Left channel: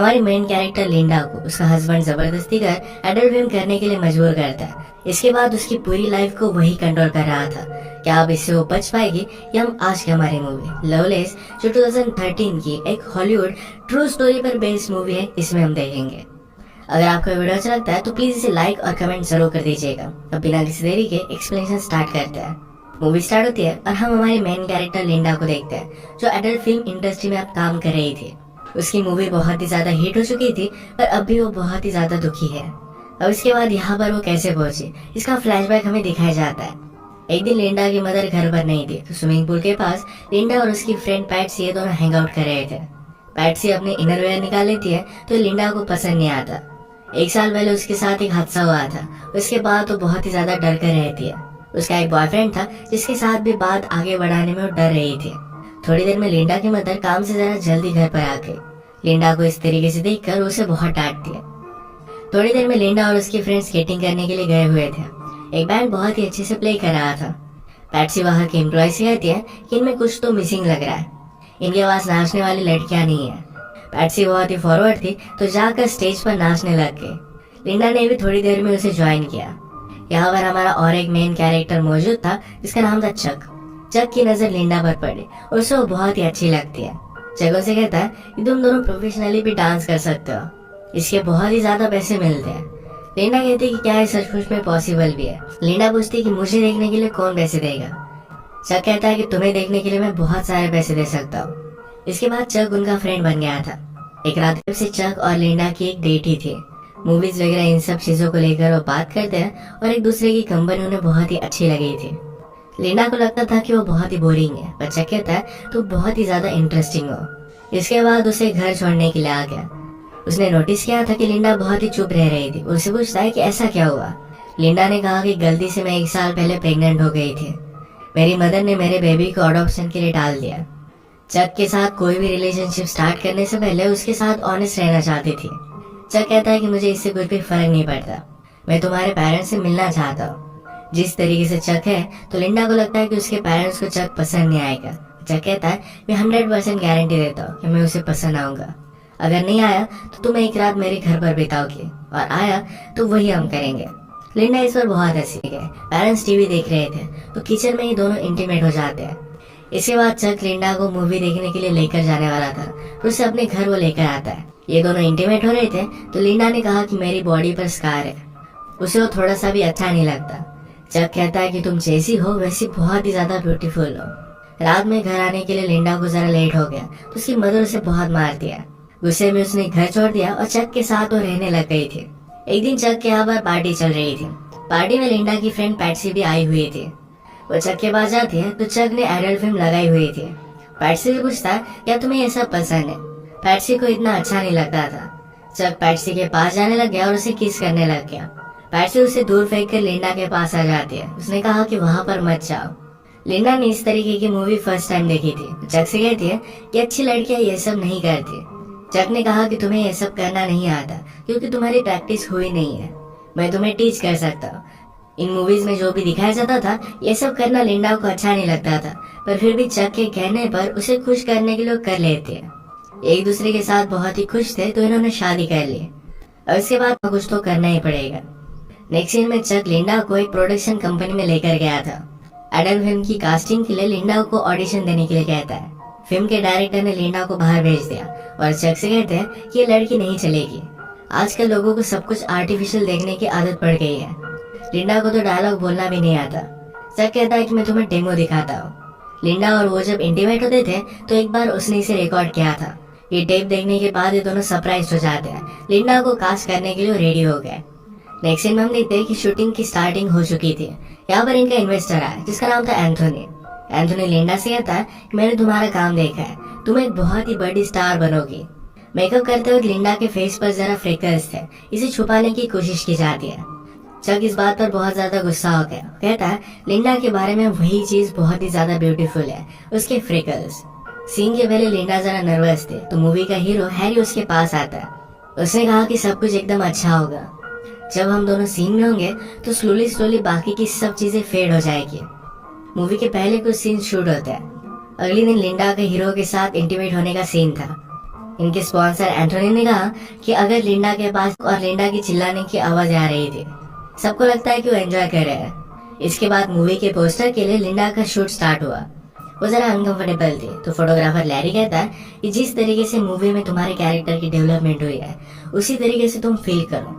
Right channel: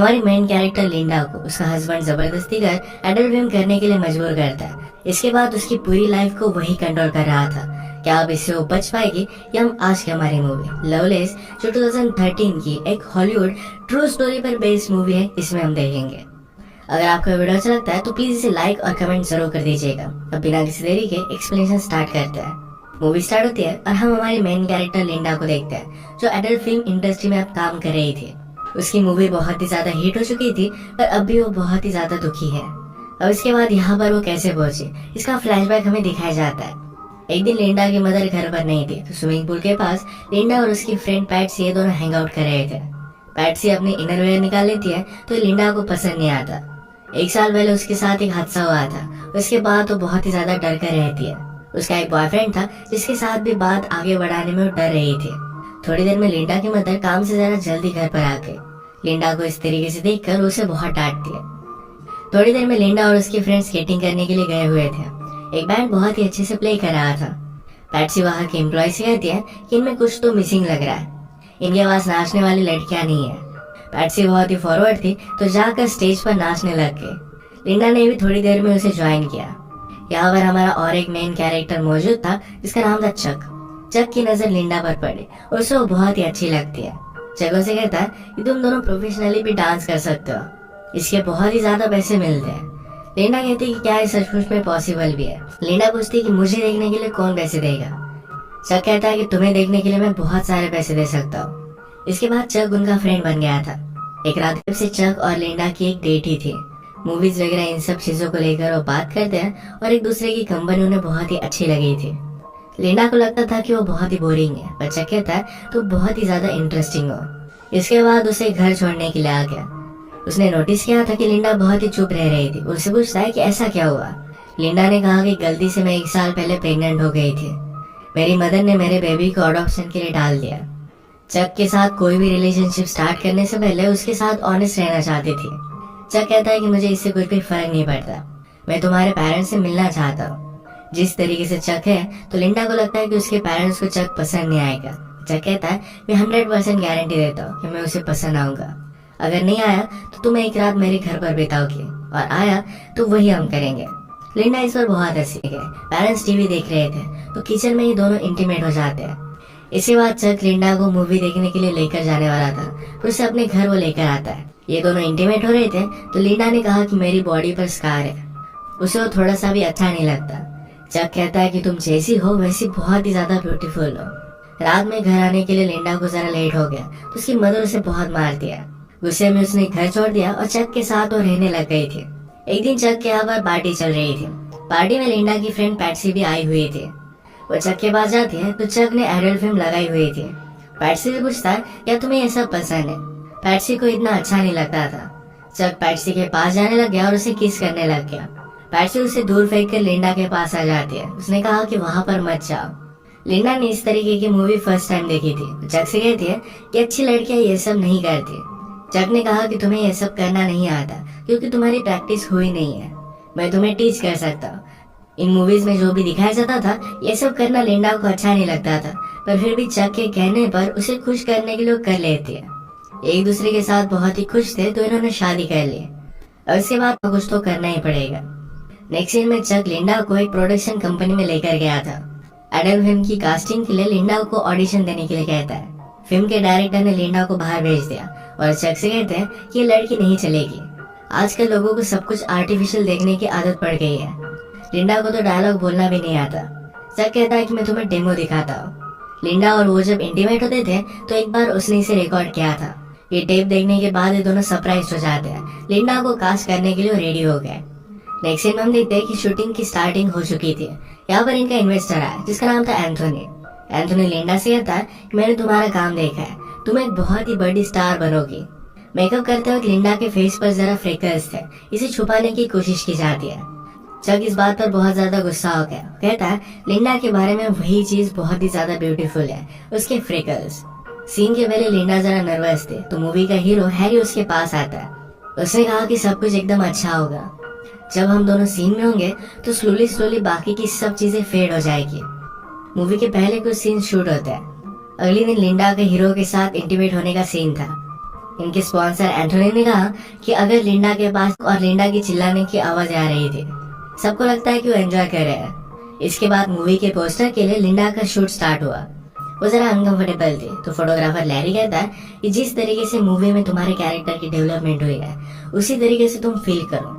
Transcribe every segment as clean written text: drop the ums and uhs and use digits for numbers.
हमारी main character Linda को उसका हस्बैंड जबरदस्ती कर एडल्ट फिल्म करने के लिए मजबूर करता है। इसके बाद उसकी पूरी लाइफ को वही कंट्रोल कर रहा था। क्या अब इससे वो बच पाएगी? या हम आज की हमारी मूवी लवलेस जो 2013 की एक हॉलीवुड ट्रू स्टोरी पर बेस्ड मूवी है, इसमें हम देखेंगे। अगर आपको वीडियो अच्छा लगता है तो प्लीज इसे लाइक और कमेंट जरूर कर दीजिएगा। अब बिना किसी देरी के एक्सप्लेनेशन स्टार्ट करते हैं। मूवी स्टार्ट होती है और हम हमारी मेन कैरेक्टर लिंडा को देखते हैं जो एडल्ट फिल्म इंडस्ट्री में अब काम कर रही थी। उसकी मूवी बहुत ही ज्यादा हिट हो चुकी थी पर अब भी वो बहुत ही ज्यादा दुखी है। अब इसके बाद यहाँ पर वो कैसे पहुंची, इसका फ्लैशबैक हमें दिखाया जाता है। एक दिन लिंडा की मदर घर पर नहीं थी तो स्विमिंग पूल के पास लिंडा और उसकी फ्रेंड पैट्सी ये दोनों हैंग आउट कर रहे थे। पैट्सी अपनी इनरवेयर निकाल लेती है तो लिंडा को पसंद नहीं आता। 1 साल पहले उसके साथ एक हादसा हुआ था, उसके बाद वो बहुत ही ज्यादा डर कर रहती है। उसका एक बॉयफ्रेंड था जिसके साथ भी बात आगे बढ़ाने में वो डर रही थी। थोड़ी देर में लिंडा की मदर काम से जरा जल्दी घर पर आके लिंडा को इस तरीके से देखकर उसे बहुत डांटती है। थोड़ी देर में लिंडा और उसके फ्रेंड स्केटिंग करने के लिए गए हुए थे। एक बैंड बहुत ही अच्छे से प्ले कर रहा था। पैट्सी वहाँ के एम्प्लॉय से कहती है कि इनमें कुछ तो मिसिंग लग रहा है, इनके पास नाचने वाली लड़कियां नहीं है। पैट्सी बहुत ही फॉरवर्ड थी तो जाकर स्टेज पर नाचने लग गई। लिंडा ने भी थोड़ी देर में उसे ज्वाइन किया। यहाँ पर हमारा और एक मेन कैरेक्टर मौजूद था जिसका नाम था चक। चक की नजर लिंडा पर पड़ी और उसे वो बहुत ही अच्छी लगती है। चक उसे कहता है कि तुम दोनों प्रोफेशनली भी डांस कर सकते हो, इसके बहुत ही ज्यादा पैसे मिलते हैं। लिंडा कहती है कि क्या ये सचमुच में पॉसिबल भी है। लिंडा पूछती है कि मुझे देखने के लिए कौन पैसे देगा। चक कहता है कि तुम्हें देखने के लिए मैं बहुत सारे पैसे दे सकता हूँ। इसके बाद चक उनका फ्रेंड बन गया था। एक रात से चक और लिंडा की एक डेट ही थी। मूवीज वगैरह इन सब चीजों को लेकर वो बात करते हैं और एक दूसरे की कंपनी उन्हें बहुत ही अच्छी लगी थी। लिंडा को लगता था कि वो बहुत ही बोरिंग है पर चक कहता है तो बहुत ही ज्यादा इंटरेस्टिंग हो। इसके बाद उसे घर छोड़ने के लिए आ गया। उसने नोटिस किया था कि लिंडा बहुत ही चुप रह रही थी। उससे पूछता है कि ऐसा क्या हुआ। लिंडा ने कहा कि गलती से मैं 1 साल पहले प्रेग्नेंट हो गई थी। मेरी मदर ने मेरे बेबी को अडॉप्शन के लिए डाल दिया। चक के साथ कोई भी रिलेशनशिप स्टार्ट करने से पहले उसके साथ ऑनेस्ट रहना चाहती थी। चक कहता है कि मुझे इससे कुछ भी फर्क नहीं पड़ता, मैं तुम्हारे पेरेंट्स से मिलना चाहता हूँ। जिस तरीके से चक है तो लिंडा को लगता है कि उसके पेरेंट्स को चक पसंद नहीं आएगा। चक कहता है मैं 100% गारंटी देता हूँ कि मैं उसे पसंद आऊंगा। अगर नहीं आया तो तुम एक रात मेरे घर पर बिताओगे और आया तो वही हम करेंगे। लिंडा इस पर बहुत हंसी गए। पेरेंट्स टीवी देख रहे थे तो किचन में ही दोनों इंटीमेट हो जाते हैं। इसके बाद चक लिंडा को मूवी देखने के लिए लेकर जाने वाला था तो उसे अपने घर वो लेकर आता है। ये दोनों इंटीमेट हो रहे थे तो लिंडा ने कहा कि मेरी बॉडी पर स्कार है। उसे वो थोड़ा सा भी अच्छा नहीं लगता। चक कहता है कि तुम जैसी हो वैसी बहुत ही ज्यादा ब्यूटीफुल हो। रात में घर आने के लिए लिंडा को जरा लेट हो गया तो उसकी मदर उसे बहुत मार दिया। गुस्से में उसने घर छोड़ दिया और चक के साथ वो रहने लग गई थी। एक दिन चक के यहाँ पर पार्टी चल रही थी। पार्टी में लिंडा की फ्रेंड पैट्सी भी आई हुई थी। वो चक के पास जाती है तो चक ने एडल्ट फिल्म लगाई हुई थी। पैट्सी से पूछता है क्या तुम्हें ये सब पसंद है। पैट्सी को इतना अच्छा नहीं लगता था। चक पैट्सी के पास जाने लग गया और उसे किस करने लग गया। पैट्सी उसे दूर फेंक कर लिंडा के पास आ जाती है। उसने कहा कि वहां पर मत जाओ। लिंडा ने इस तरीके की मूवी फर्स्ट टाइम देखी थी। चक से कहती है कि अच्छी लड़कियां ये सब नहीं करती। चक ने कहा कि तुम्हें ये सब करना नहीं आता क्योंकि तुम्हारी प्रैक्टिस हुई नहीं है, मैं तुम्हें टीच कर सकता हूँ। इन मूवीज में जो भी दिखाया जाता था ये सब करना लिंडा को अच्छा नहीं लगता था पर फिर भी चक के कहने पर उसे खुश करने के लिए कर लेते हैं। एक दूसरे के साथ बहुत ही खुश थे तो इन्होंने शादी कर ली। और इसके बाद कुछ तो करना ही पड़ेगा। नेक्स्ट सीन में चक लिंडा को एक प्रोडक्शन कंपनी में लेकर गया था। एडल्ट फिल्म की कास्टिंग के लिए लिंडा को ऑडिशन देने के लिए कहता है। फिल्म के डायरेक्टर ने लिंडा को बाहर भेज दिया और चक से कहते हैं कि ये लड़की नहीं चलेगी। आजकल लोगों को सब कुछ आर्टिफिशियल देखने की आदत पड़ गई है। लिंडा को तो डायलॉग बोलना भी नहीं आता। चक कहता है कि मैं तुम्हें डेमो दिखाता हूँ। लिंडा और वो जब इंटीमेट होते थे तो एक बार उसने इसे रिकॉर्ड किया था। ये टेप देखने के बाद ये दोनों सरप्राइज हो जाते हैं। लिंडा को कास्ट करने के लिए रेडी हो गए। नेक्स्ट सीन में हम देखते हैं कि शूटिंग की स्टार्टिंग हो चुकी थी। यहाँ पर इनका इन्वेस्टर आया जिसका नाम था एंथोनी। एंथोनी लिंडा से कहता है कि मैंने तुम्हारा काम देखा है, तुम एक बहुत ही बड़ी स्टार बनोगी। मेकअप करते हुए लिंडा के फेस पर जरा फ्रिकल्स थे, इसे छुपाने की कोशिश की जाती है। चक इस बात पर बहुत ज्यादा गुस्सा हो गया। कहता है लिंडा के बारे में वही चीज बहुत ही ज्यादा ब्यूटीफुल है, उसके फ्रिकल्स। सीन के पहले लिंडा जरा नर्वस थे तो मूवी का हीरो हैरी उसके पास आता है। उसने कहा कि सब कुछ एकदम अच्छा होगा। जब हम दोनों सीन में होंगे तो स्लोली स्लोली बाकी की सब चीजें फेड हो जाएगी। मूवी के पहले कुछ सीन शूट होते हैं। अगले दिन लिंडा के हीरो के साथ इंटीमेट होने का सीन था। इनके स्पॉन्सर एंथोनी ने कहा कि अगर लिंडा के पास और लिंडा की चिल्लाने की आवाज आ रही थी, सबको लगता है कि वो एंजॉय कर रहे हैं। इसके बाद मूवी के पोस्टर के लिए लिंडा का शूट स्टार्ट हुआ। वो जरा अनकंफर्टेबल थी, तो फोटोग्राफर लैरी कहता है कि जिस तरीके से मूवी में तुम्हारे कैरेक्टर की डेवलपमेंट हुई है उसी तरीके से तुम फील करो।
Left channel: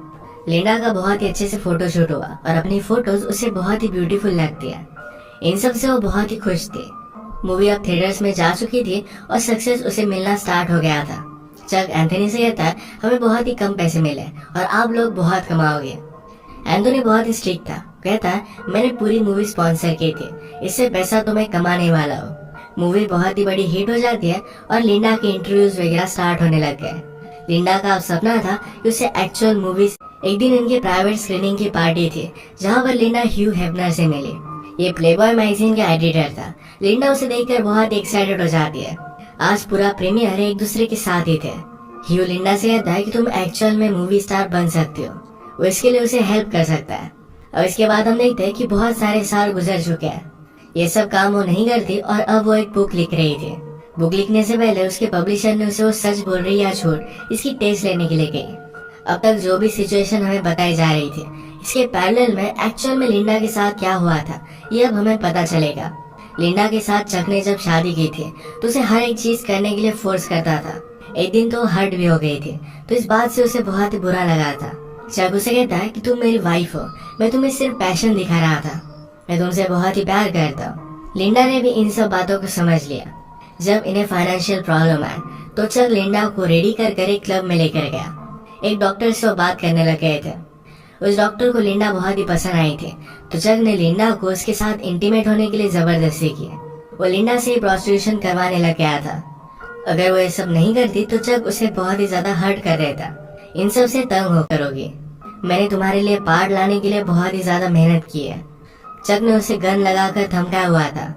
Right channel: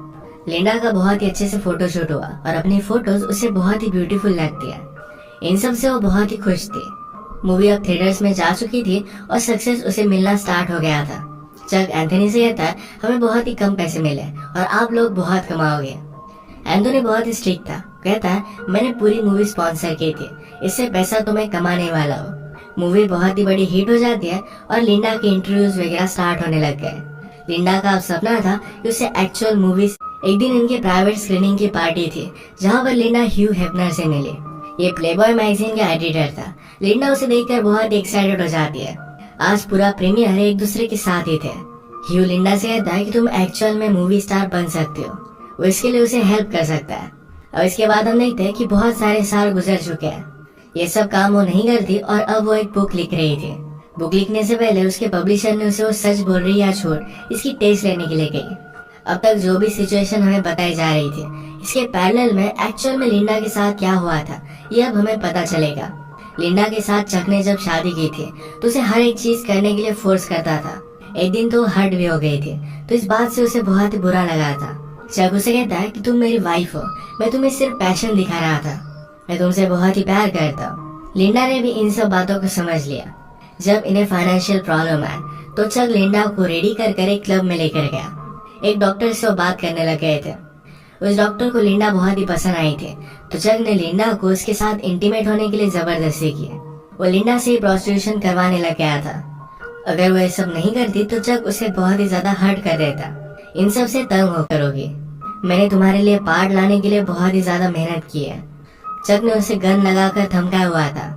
लिंडा का बहुत ही अच्छे से फोटोशूट हुआ और अपनी फोटोज उसे बहुत ही ब्यूटीफुल लगती है। इन सब से वो बहुत ही खुश थी। मूवी अब थिएटर्स में जा चुकी थी और सक्सेस उसे मिलना स्टार्ट हो गया था। चक एंथोनी से कहता है हमें बहुत ही कम पैसे मिले और आप लोग बहुत कमाओगे। एंथोनी बहुत ही स्ट्रिक्ट था, कहता है मैंने पूरी मूवी स्पॉन्सर की थी, इससे पैसा तो मैं कमाने वाला हूँ। मूवी बहुत ही बड़ी हिट हो जाती है और लिंडा के इंटरव्यूज वगैरह स्टार्ट होने लग गए। लिंडा का अब सपना था कि उसे एक्चुअल मूवीज। एक दिन इनके प्राइवेट स्क्रीनिंग की पार्टी थी जहाँ पर लिंडा ह्यू हेफनर से मिली। ये प्लेबॉय मैगजीन का एडिटर था। लिंडा उसे देखकर बहुत ही एक्साइटेड हो जाती है। आज पूरा प्रीमियर एक दूसरे के साथ ही थे। ह्यू लिंडा से कहता है कि तुम एक्चुअल में मूवी स्टार बन सकती हो, वो इसके लिए उसे हेल्प कर सकता है। अब इसके बाद हम देखते हैं कि बहुत सारे साल गुजर चुके हैं। ये सब काम वो नहीं करती और अब वो एक बुक लिख रही थी। बुक लिखने से पहले उसके पब्लिशर ने उसे वो सच बोल रही या झूठ इसकी टेस्ट लेने के लिए गई। अब तक जो भी सिचुएशन हमें बताई जा रही थी, इसके पैरेलल में एक्चुअल में लिंडा के साथ क्या हुआ था ये अब हमें पता चलेगा। लिंडा के साथ चक ने जब शादी की थी तो उसे हर एक चीज करने के लिए फोर्स करता था। एक दिन तो हर्ट भी हो गई थी, तो इस बात से उसे बहुत ही बुरा लगा था। चक उसे कहता है कि तुम मेरी वाइफ हो, मैं तुम्हें सिर्फ पैशन दिखा रहा था, मैं तुमसे बहुत ही प्यार करता हूँ। लिंडा ने भी इन सब बातों को समझ लिया। जब इन्हें फाइनेंशियल प्रॉब्लम आए तो चक लिंडा को रेडी कर एक क्लब में लेकर गया। एक डॉक्टर से वो बात करने लग गए थे। उस डॉक्टर को लिंडा बहुत ही पसंद आई थी, तो चक ने लिंडा को उसके साथ इंटीमेट होने के लिए जबरदस्ती की। वो लिंडा से प्रोस्टिट्यूशन करवाने लग गया था। अगर वो ये सब नहीं करती तो चक उसे बहुत ही ज्यादा हर्ट कर देता। इन सब से तंग होकर होगी, मैंने तुम्हारे लिए पार्ट लाने के लिए बहुत ही ज्यादा मेहनत की है। चक ने उसे गन लगाकर धमकाया हुआ था।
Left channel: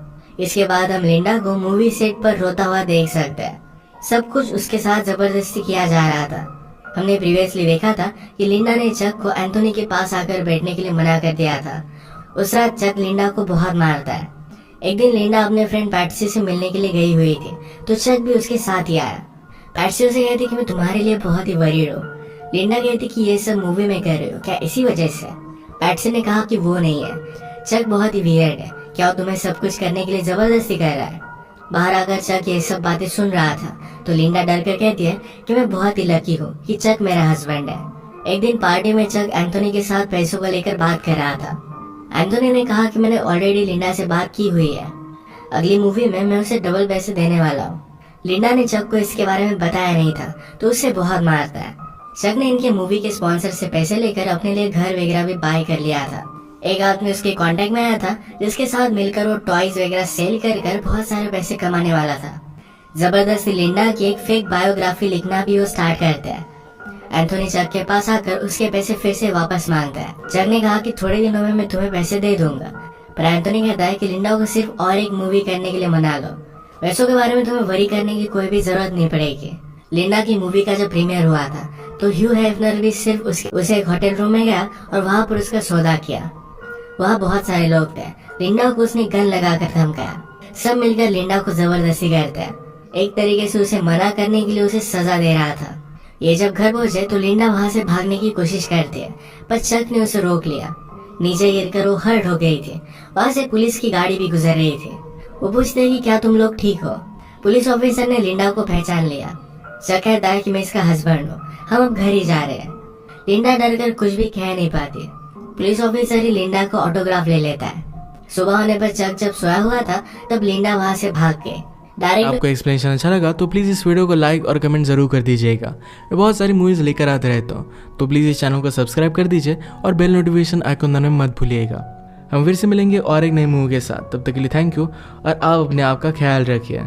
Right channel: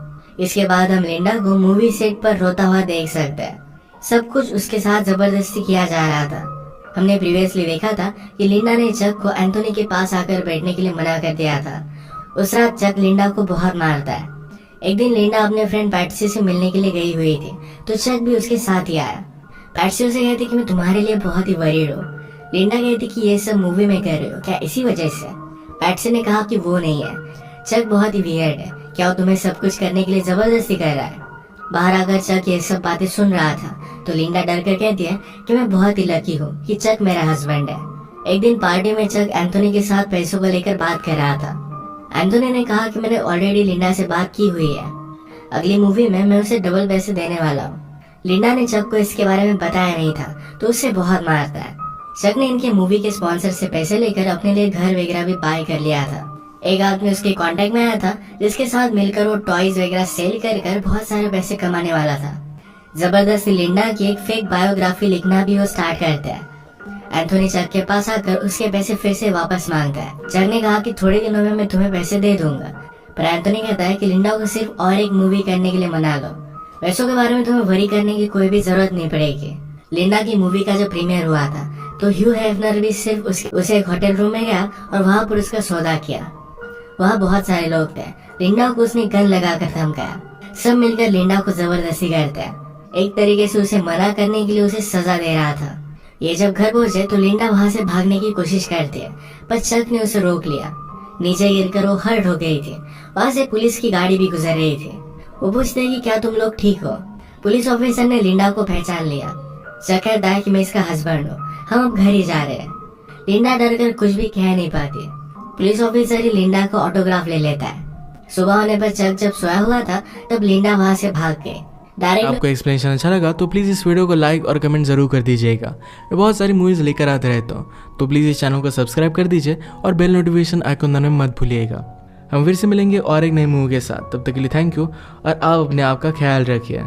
इसके बाद हम लिंडा को मूवी सेट पर रोता हुआ देख सकते हैं। सब कुछ उसके साथ जबरदस्ती किया जा रहा था। हमने प्रीवियसली देखा था कि लिंडा ने चक को एंथोनी के पास आकर बैठने के लिए मना कर दिया था। उस रात चक लिंडा को बहुत मारता है। एक दिन लिंडा अपने फ्रेंड पैट्सी से मिलने के लिए गई हुई थी, तो चक भी उसके साथ ही आया। पैट्सी उसे कहती कि मैं तुम्हारे लिए बहुत ही वरीड हूँ। लिंडा कहती कि ये सब मूवी में कर रहे हो क्या इसी वजह से? पैट्सी ने कहा कि वो नहीं है, चक बहुत ही वियर्ड है, क्या वो तुम्हें सब कुछ करने के लिए जबरदस्ती कर रहा है? बाहर आकर चक ये सब बातें सुन रहा था, तो लिंडा डर कर कहती है कि मैं बहुत ही लकी हूँ कि चक मेरा हस्बैंड है। एक दिन पार्टी में चक एंथोनी के साथ पैसों को लेकर बात कर रहा था। एंथोनी ने कहा कि मैंने ऑलरेडी लिंडा से बात की हुई है, अगली मूवी में मैं उसे डबल पैसे देने वाला हूँ। लिंडा ने चक को इसके बारे में बताया नहीं था, तो उसे बहुत मारता है। चक ने इनके मूवी के स्पॉन्सर से पैसे लेकर अपने लिए घर वगैरह भी बाय कर लिया था। एक आदमी उसके कांटेक्ट में आया था जिसके साथ मिलकर वो टॉयज वगैरह सेल कर बहुत सारे पैसे कमाने वाला था। जबरदस्ती लिंडा की एक फेक बायोग्राफी लिखना भी वो स्टार्ट करता है। एंथोनी चक के पास आकर उसके पैसे फिर से वापस मांगता है। चक ने कहा कि थोड़े दिनों में मैं तुम्हें पैसे दे दूंगा, पर एंथोनी कहता है कि लिंडा को सिर्फ और एक मूवी करने के लिए मना लो, पैसों के बारे में तुम्हें वरी करने की कोई भी जरूरत नहीं पड़ेगी। लिंडा की मूवी का जब प्रीमियर हुआ था तो ह्यू हेफनर भी सिर्फ उसे एक होटल रूम में गया और वहाँ पर उसका सौदा किया। वहाँ बहुत सारे लोग थे। लिंडा को उसने गन लगाकर धमकाया। सब मिलकर लिंडा को जबरदस्ती करते हैं, एक तरीके से उसे मना करने के लिए उसे सजा दे रहा था। ये जब घर पहुंचे तो लिंडा वहाँ से भागने की कोशिश करती है, पर चक ने उसे रोक लिया। नीचे गिरकर वो हर्ट हो गई थी। वहाँ से पुलिस की गाड़ी भी गुजर रही थी। वो पूछते हैं कि क्या तुम लोग ठीक हो? पुलिस ऑफिसर ने लिंडा को पहचान लिया। चक कहता है कि मैं इसका हस्बैंड हूँ, हम अब घर ही जा रहे हैं। लिंडा डर कर कुछ भी कह नहीं पाती। पुलिस ऑफिसर ही लिंडा को ऑटोग्राफ ले लेता है। सुबह होने पर चक जब सोया हुआ था तब लिंडा वहाँ से भाग गई। आपको एक्सप्लेनेशन अच्छा लगा तो प्लीज़ इस वीडियो को लाइक और कमेंट ज़रूर कर दीजिएगा। मैं बहुत सारी मूवीज़ लेकर आते रहता हूँ, तो प्लीज़ इस चैनल को सब्सक्राइब कर दीजिए और बेल नोटिफिकेशन आइकन दबाना मत भूलिएगा। हम फिर से मिलेंगे और एक नई मूवी के साथ, तब तक के लिए थैंक यू और आप अपने आप का ख्याल रखिए।